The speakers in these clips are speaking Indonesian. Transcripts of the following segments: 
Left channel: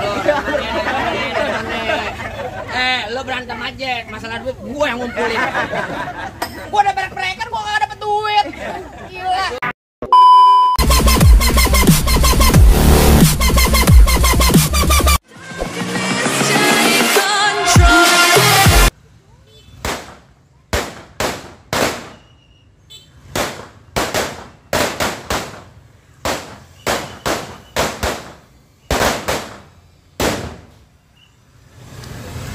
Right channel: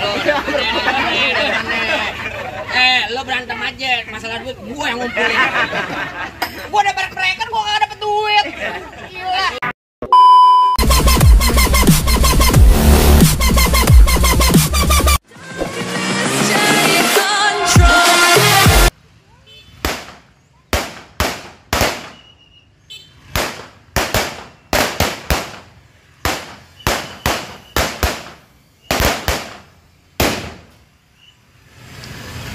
Halo, dari mana? Lo berantem aja, masalah duit gue yang ngumpulin. Gue udah berek-berekan, gue gak dapet duit. Gila.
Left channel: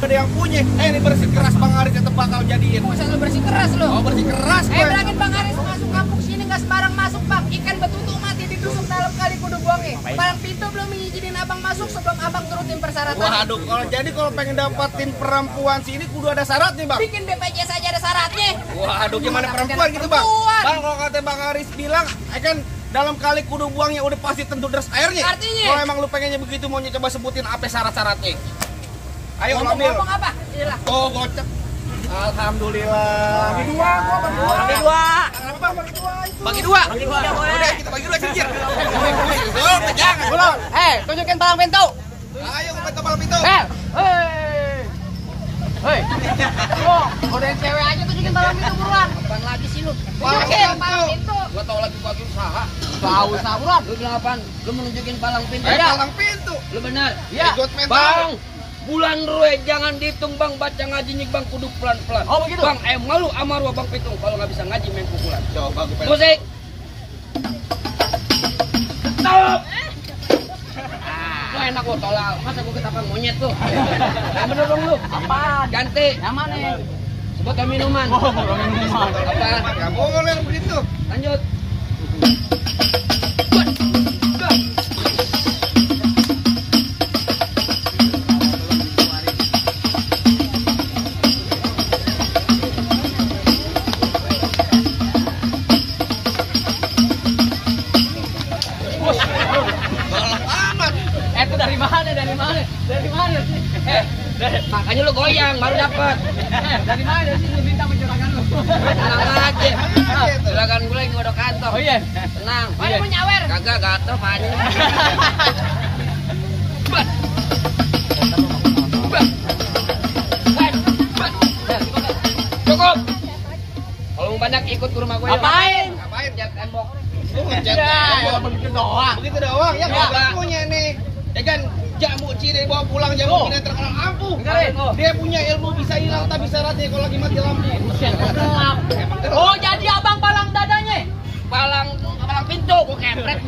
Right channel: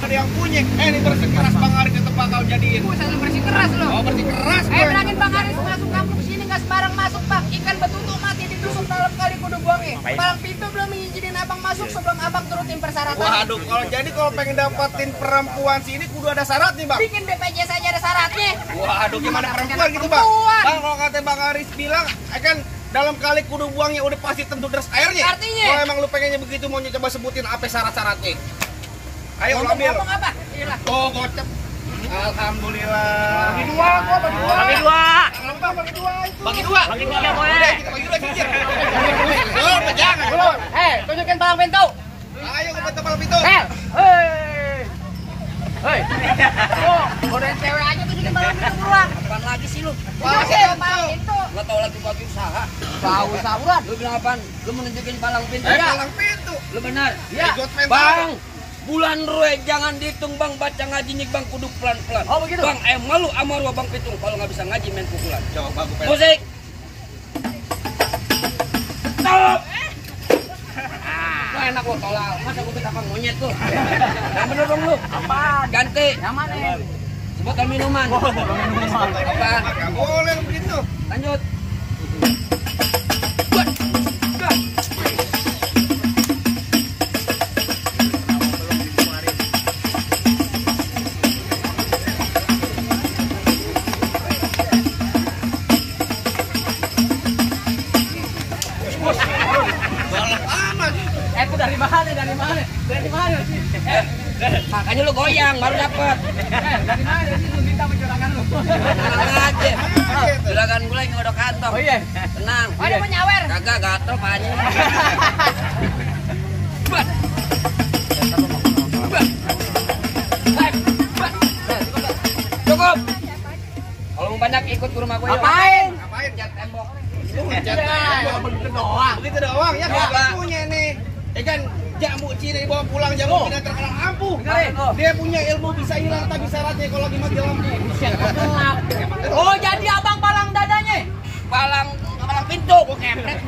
Ada yang punya, ini bersih keras Bang Aris tetep bakal jadiin. Buset lu bersih keras lo. Oh bersih keras gue. Bilangin Bang Aris masuk kampung sini gak sembarang masuk Bang. Ikan betutu mati ditusuk dalam kali kudu buangnya. Palang pintu belum mengizinin abang masuk sebelum abang turutin persyaratan. Waduh, kalau pengen dapetin perempuan sini kudu ada syarat nih Bang. Bikin BPJS aja ada syaratnya. Waduh, gimana perempuan gitu Bang? Bang, kalau kata Bang Aris bilang, kan dalam kali kudu buangnya udah pasti tentu deras airnya. Artinya? Kalau emang lu pengennya begitu, mau coba sebutin apa syarat-syaratnya? Ayo ambil. Ngomong apa? Iyalah. Oh, gocep. Alhamdulillah. Bagi dua. Bagi dua. Udah, kita bagi dua cincin. Jangan. Tunjukin palang pintu. Ayo ke palang pintu. Hei. Godain cewek aja tunjukin palang pintu buruan. Apaan lagi sih lu? Palang pintu. Gua tau lagi buat usaha. Gak usah buruan. Lu bilang apaan? Lu mau nunjukin palang pintu? Palang pintu. Lu benar. Iya. Bang. Bulan Rue jangan dihitung Bang, baca ngajinya Bang kudu pelan-pelan. Oh begitu? Bang, malu sama Rua Bang Pitung kalau nggak bisa ngaji main pukulan. Coba gue pengen. Musik. Stop. Lu enak lo tolak. Masa gue ketapang monyet tuh. Yang bener dong lu. Apa? Ganti. Yang mana? Sebut minuman. Apa? Gak boleh lu begitu. Lanjut. Makanya lu goyang baru dapet. Dari mana? Dari sini lu minta mencurahkan lu. Tenang aja. Juragan gue lagi ngodok kantong. Oh iya. Tenang. Oh iya mau nyawer. Kagak gatel panjang. Bat. Bat. Bat. Cukup. Kalau mau banyak ikut ke rumah gue yuk. Ngapain? Ngapain? Cat tembok. Lu ngecat tembok begitu doang. Begitu doang. Ya kagak punya nih. Ya kan jamu ciri bawa pulang jamu tidak terkenal ampuh. Dia punya ilmu bisa hilang tapi syaratnya kalau lagi mati lampu. Gelap. Oh jadi abang palang dadanya? Palang pintu. Gue kepret.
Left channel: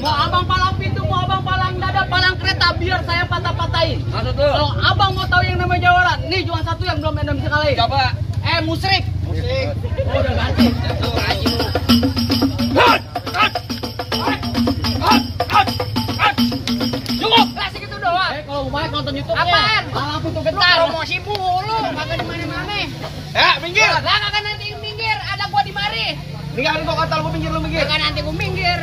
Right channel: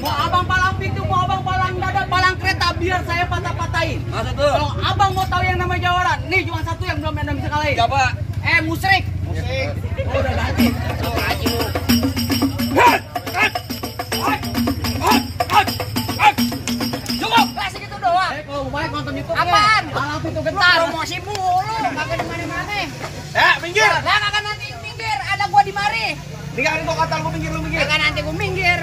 Mau abang palang pintu, mau abang palang dada, palang kereta biar saya patah-patahin. Masa tuh? Kalau abang mau tahu yang namanya jawaran, nih cuma satu yang belum ada bisa kalahin. Coba. Musrik. Musrik. Oh udah ganti. Ganti lu. Cukup. Segitu doang. Kalau banyak nonton YouTube apaan? Palang pintu gentar. Promosi mulu, kagak di mana-mana. Minggir. Lah kagak nanti minggir, ada gua di mari. Tinggalin gua kata lu minggir. Kagak nanti gua minggir.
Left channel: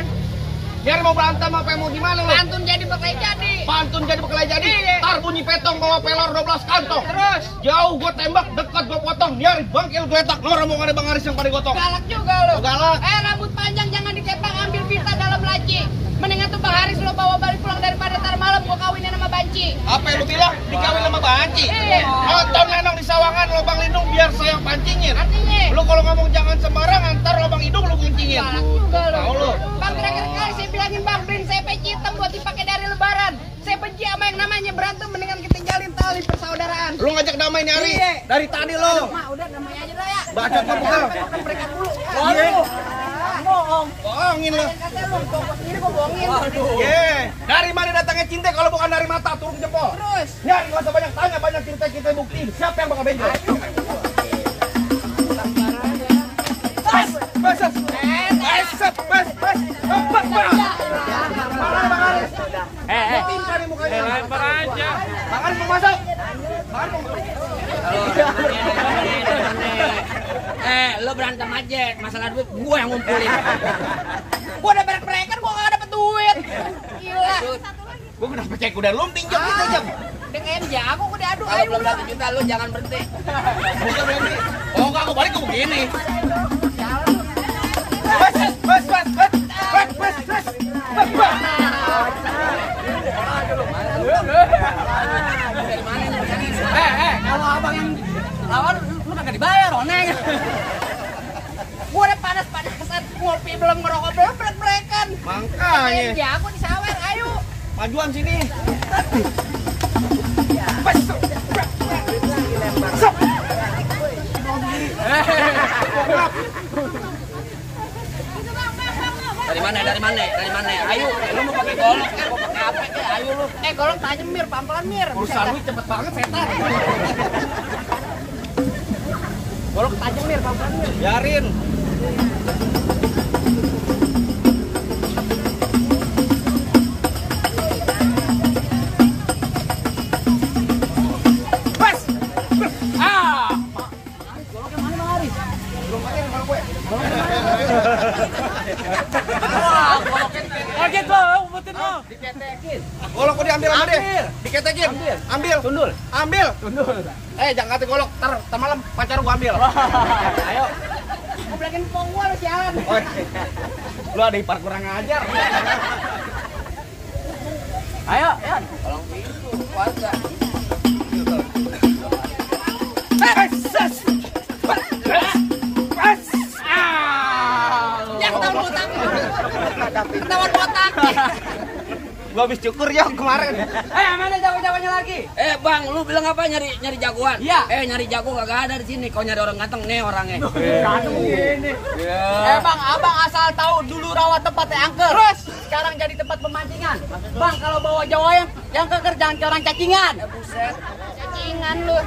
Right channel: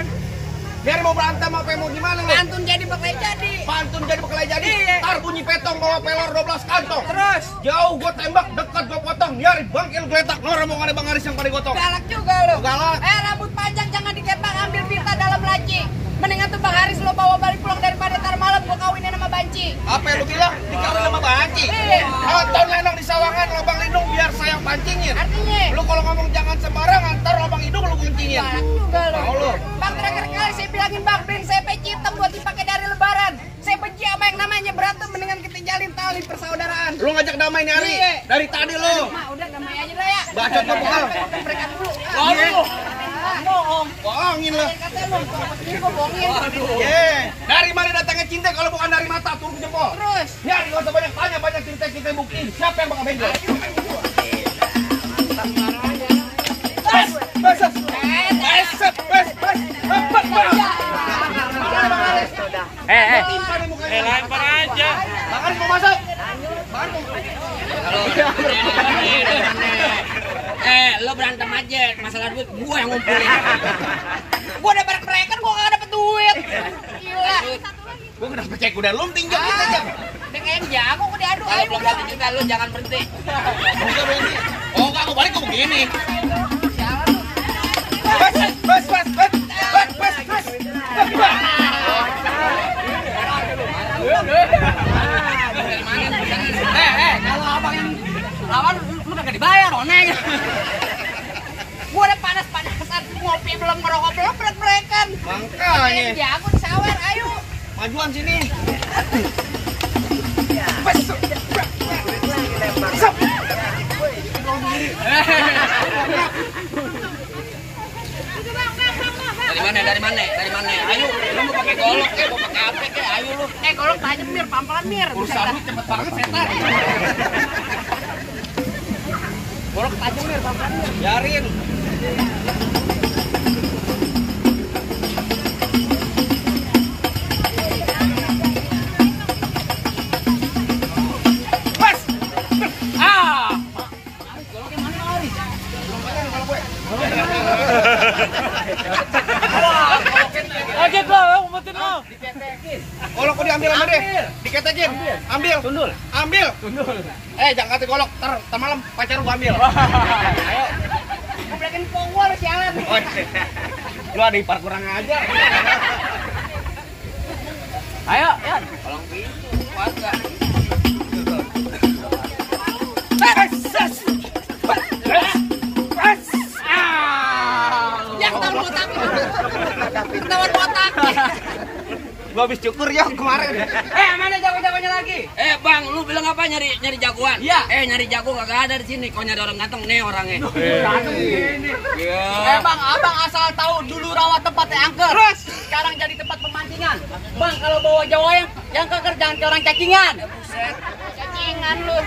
Biar mau berantem apa mau gimana lu? Pantun jadi berkelahi jadi. Pantun jadi berkelahi jadi. Iya. Tar bunyi petong bawa pelor 12 kantong. Terus jauh gua tembak, dekat gua potong. Biar bangkil geletak. Lu rombongan Bang Aris yang pada gotong. galak juga lu. Galak. Rambut panjang jangan dikepang, ambil pita dalam laci. Mendingan tuh Bang Haris lo bawa balik pulang daripada ntar malam gua kawinin sama Banci. Apa yang lu bilang? Dikawin sama Banci. Iya. Nonton lenong di sawangan lubang lindung biar saya pancingin. Artinya Lu kalau ngomong jangan sembarangan, ntar lubang hidung lu kencingin. galak juga lu. Tahu lu. Bang terakhir kali saya bilangin Bang Bin CP hitam buat dipakai dari lebaran. Saya benci sama yang namanya berantem, mendingan kita jalin tali persaudaraan. Lu ngajak damai nih Ari. Iya. Dari tadi lu. Mah udah damai aja dah ya. Bacot lu bekal. Mereka dulu. Iya. Bohong. Bohongin lu. Kata lu, pokoknya sendiri gua bohongin. Ye, dari mana datangnya cinta kalau bukan dari mata turun jempol. Terus. Ya, nggak usah banyak tanya, banyak cinta kita buktiin. Siapa yang bakal bengkel? Timpa nih mukanya. Lempar aja. Bang Aris mau masuk. Lo berantem aja, masalah duit gue yang ngumpulin. Gue udah berek-berekan, gue gak dapet duit. Gila. Gue kenapa cek udah lu pinjam kita jam. Udah kayak jago, gue diadu. Kalau belum dapat juga lu jangan berhenti. Bukan berhenti. Oh enggak, gue balik gue begini. Jalan lu. Bas. Dari mana nih? Kalau abang yang lawan lu kagak dibayar, oneng. Gua udah panas-panasan ngopi belum ngerokok belum brek-brekan. Makanya. Jago sawer, ayo. Majuan sini. Dari mana? Ayo, lu mau pakai golok mau pakai apa ayo lu. Golok tajam mir, pelan-pelan mir. Urusan lu cepet banget setan. Golok tajam mir, pelan-pelan mir. Biarin. Golok kok diambil sama dia? Diketekin. Ambil. Ambil. Jangan kata golok, ntar malam pacar gua ambil. Ayo. Ngeplekin pongwol sialan. Lu ada ipar kurang ajar. Ayo. Palang pintu, puasa. Ketahuan botak. Gua habis cukur ya kemarin. Mana jago-jagonya lagi? Bang, lu bilang apa nyari jagoan? Iya. Nyari jago kagak ada di sini. Kau nyari orang ganteng nih orangnya. Ganteng begini. Bang, abang asal tahu dulu rawa tempatnya angker. Terus sekarang jadi tempat pemancingan. Bang, kalau bawa Jawa yang keker jangan ke orang cacingan. Buset. Cacingan lu.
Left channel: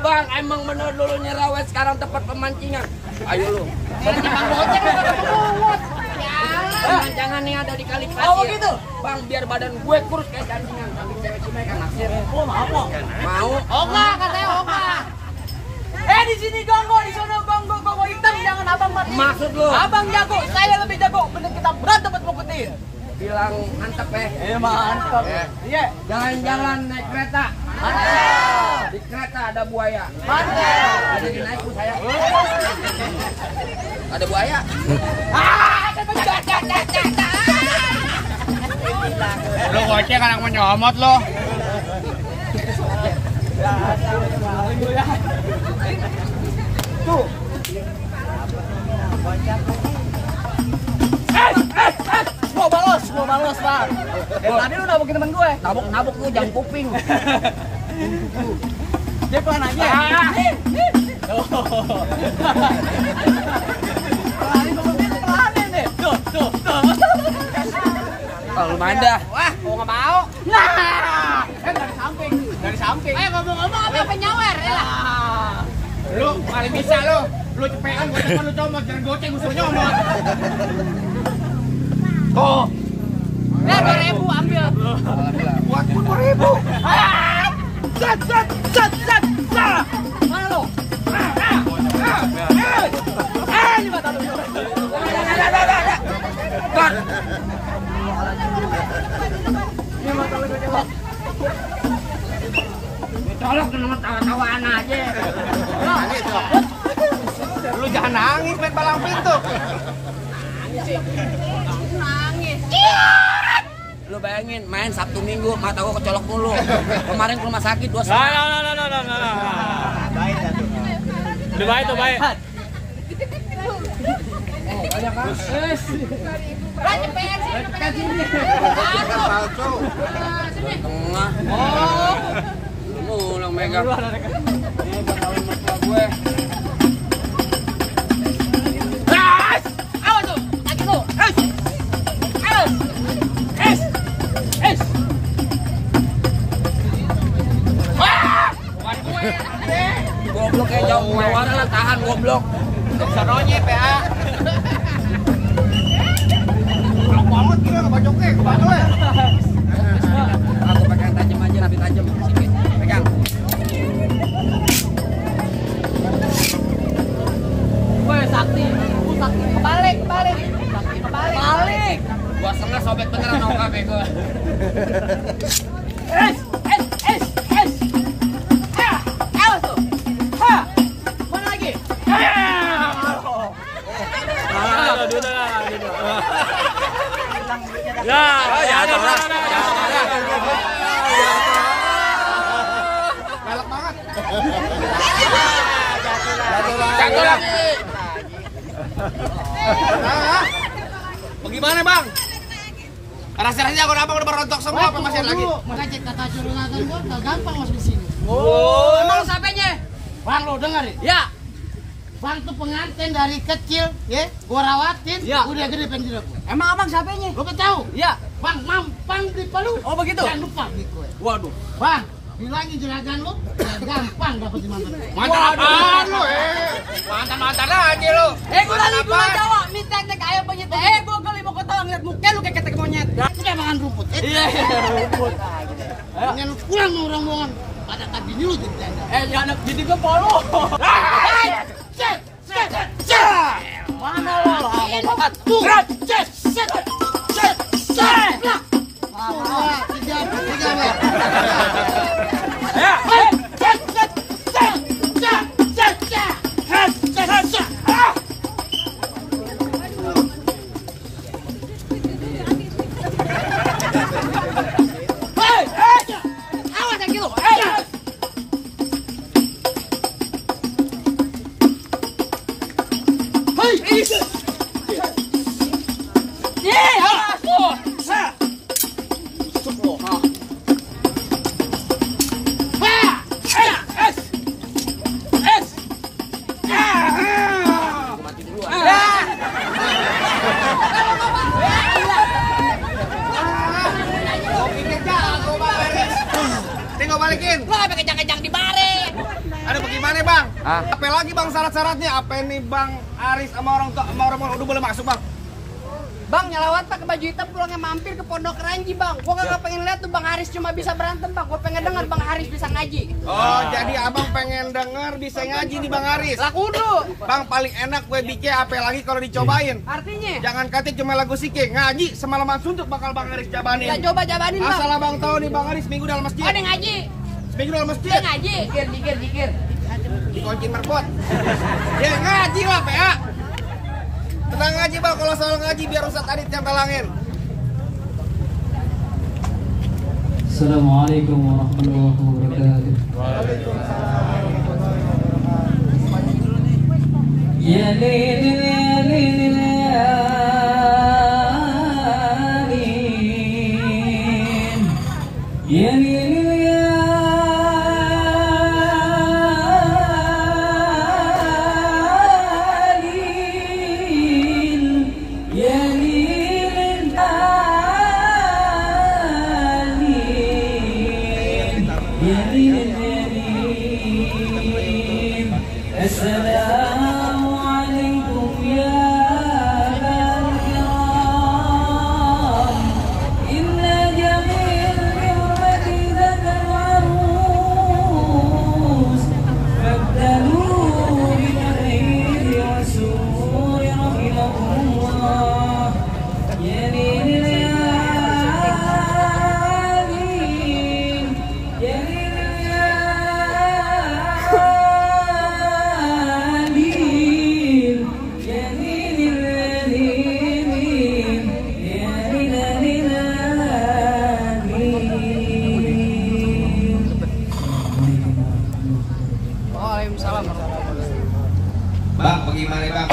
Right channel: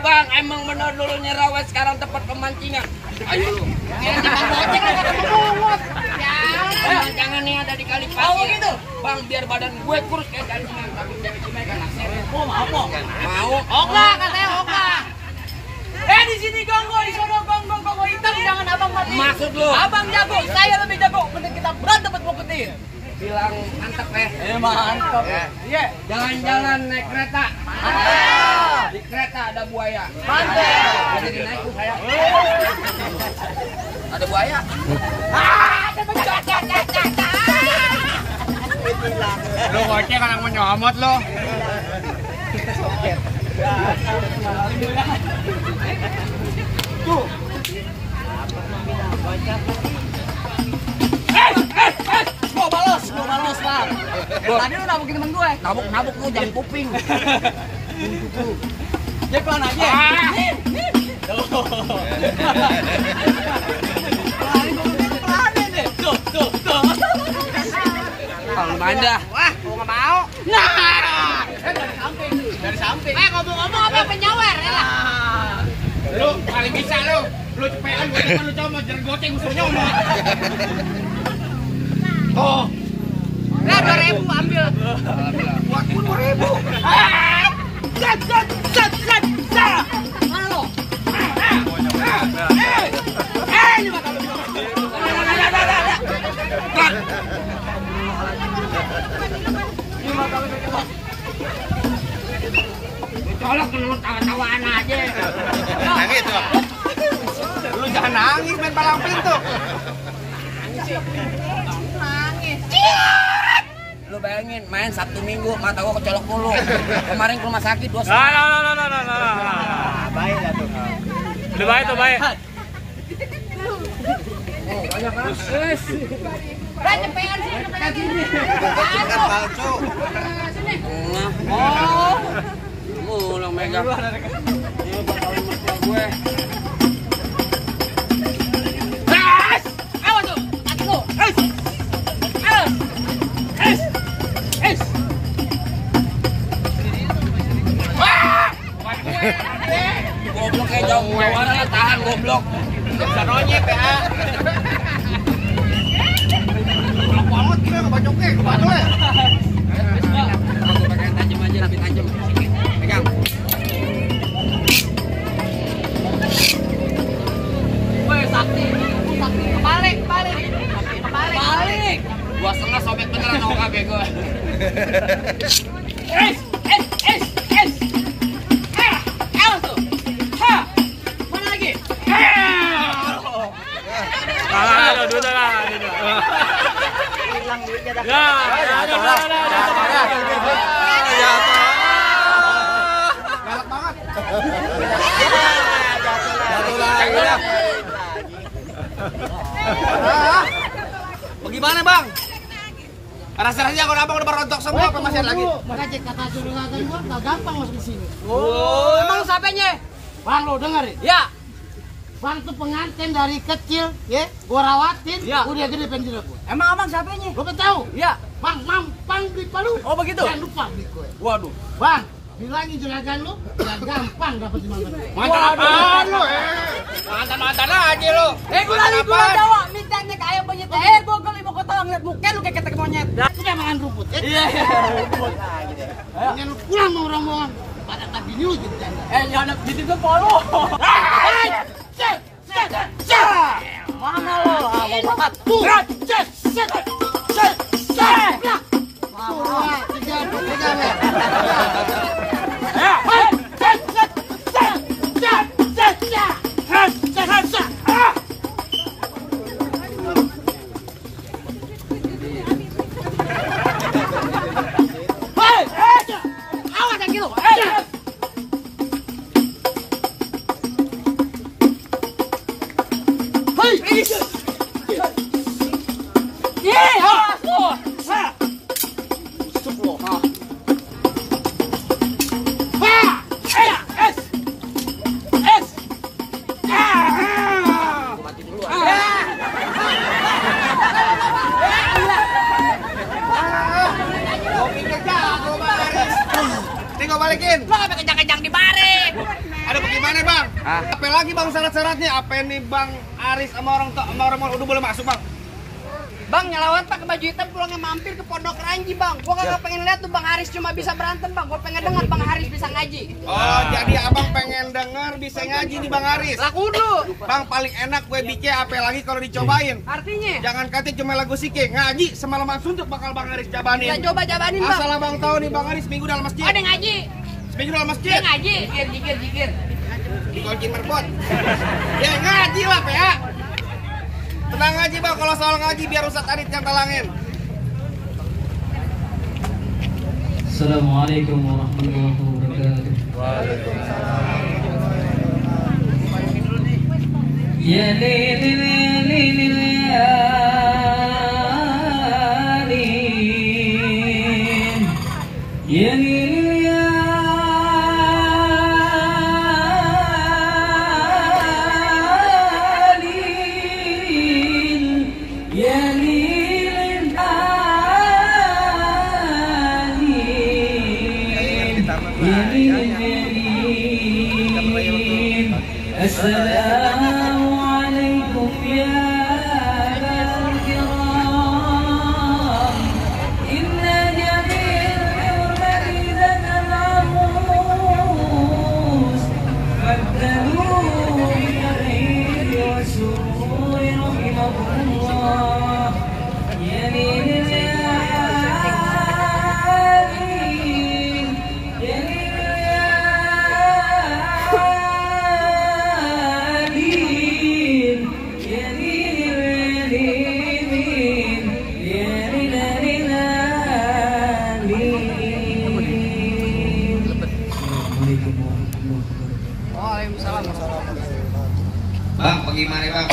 Bang, emang bener dulu nyerawet sekarang tempat pemancingan. Ayo lu. Jangan nih ada di kali pasir. Oh begitu? Bang, biar badan gue kurus kayak jancingan. Tapi cewek-cewek kan naksir. Oh mau kok? Mau. Oga katanya oga. Di sini gonggo, di sana gonggo hitam, jangan abang mati. Maksud lu? Abang jago, saya lebih jago. Mending kita berantem buat boketin. Bilang mantep Mantap. Iya. Jalan-jalan naik kereta. Di kereta ada buaya. Mantap. Jadi naik tuh saya. Ada buaya. Lu gocek anak menyomot lo. Tuh. Gua balos, Bang. Tadi lu nabukin temen gue. Nabuk lu jam kuping. Dia pelan aja. Tuh. Bang Banda. Wah, gua nggak mau. Nah, dari samping. Ngomong-ngomong apa penyawer ya lah. Lu paling bisa lu. Lu cepetan gua lu comot jangan goceng gua nyomot. Oh. 2.000 ambil. Buat 10.000. Zat. Mana lo? Ini mata lu. Colok kenapa tawa-tawaan aja. Nangis tuh. Lu jangan nangis main palang pintu. Nangis. Lu bayangin main Sabtu Minggu mata gua kecolok mulu. Kemarin ke rumah sakit 2 Baik atuh. Udah baik tuh baik. Oh, banyak kan? Banyak pengen sini. Palsu. Sini. Tengah. Oh. Lu yang megang. Ini bakal mertua gue. Awas tuh, kaki lu. Awas. Goblok kayak jauh keluarnya, tahan goblok. Sanonya PA. Banget gue ngebacoknya, kebacoknya. Aku pakai yang tajam aja, nabi tajam. Sikit, pegang. Woi, sakti. Balik. Gua setengah sobek beneran OKB gue. Awas tuh. Mana lagi? Duduk. Jatuh lah. Galak banget. Jatuh lah. Bagaimana bang? Rasa-rasanya kalau abang udah berontok semua apa masih ada lagi? Makanya kata juragan gua nggak gampang masuk di sini. Oh, emang siapanya? Bang lo dengar ya? Ya. Bang tuh pengantin dari kecil, ya, gua rawatin, Ya. udah gede penjara gua. Emang abang siapanya? Lo kan tahu? Ya. Bang mampang beli palu. Oh, begitu? Jangan lupa beli kue. Waduh. Bang, bilangin juragan lu, nggak gampang dapet di mantan. Mantan apaan lu? Mantan aja lu. Gua lagi gua Jawa, minta nek ayam begitu. Gua kali mau ketemu ngeliat muka lu kayak ketek monyet. Udah makan rumput. Iya. Dengan lu pulang mau rombongan. Pada tadi lu jadi janda. Anak jadi gua polo. Mana lo? Mau makan? Tuh. Cet. Tiga, Ber. Ya. Awas lagi lu. Tinggal balikin. Lo sampai kejang-kejang di bare. Ada bagaimana bang? Apa lagi bang syarat-syaratnya? Apa ini bang Aris sama orang tua sama orang udah boleh masuk bang? Bang nyelawat pakai baju hitam pulangnya mampir ke Pondok Ranji bang. Gua kagak pengen lihat tuh Bang Haris cuma bisa berantem bang. Gua pengen dengar Bang Haris bisa ngaji. Oh jadi abang pengen denger bisa ngaji nih bang Aris. Lah kudu. Bang paling enak gue bikin apa lagi kalau dicobain. Artinya? Jangan kata cuma lagu sike ngaji semalaman suntuk bakal bang Aris jabanin. Kita coba jabanin bang. Asal abang tahu nih bang Aris minggu dalam masjid. Ada ngaji. Seminggu dalam Dia masjid. ngaji. Jikir. Dikoncin merbot. Ya ngaji lah PA. Tenang ngaji bang kalau soal ngaji biar Ustaz Adit yang talangin. Assalamualaikum warahmatullahi wabarakatuh. Ya lilil ya lilil ya lilil ya lilil ya Assalamu alaikum ya al-kiram. Inna jamil hurmati dan arus Faddalu bikhairi wa sururi rahimakumullah. Ya lilil ya lilil ya lilil ya Bang, bagaimana bang?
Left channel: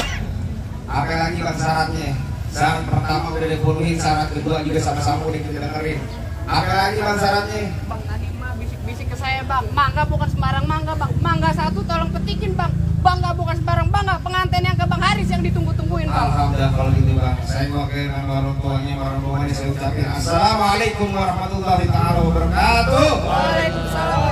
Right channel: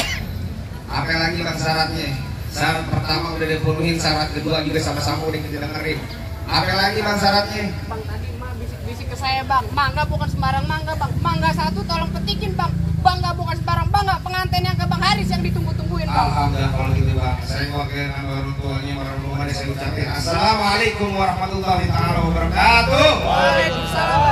Apa lagi bang syaratnya? Syarat pertama udah dipenuhi, syarat kedua juga sama-sama udah kita dengerin. Apa lagi bang syaratnya? Bang tadi mah bisik-bisik ke saya bang. Mangga bukan sembarang mangga bang. Mangga satu tolong petikin bang. Bangga bukan sembarang bangga. Pengantin yang ke Bang Haris yang ditunggu-tungguin bang. Alhamdulillah kalau gitu bang. Saya mewakili nama orang tuanya, orang tuanya saya ucapin Assalamualaikum warahmatullahi wabarakatuh. Waalaikumsalam.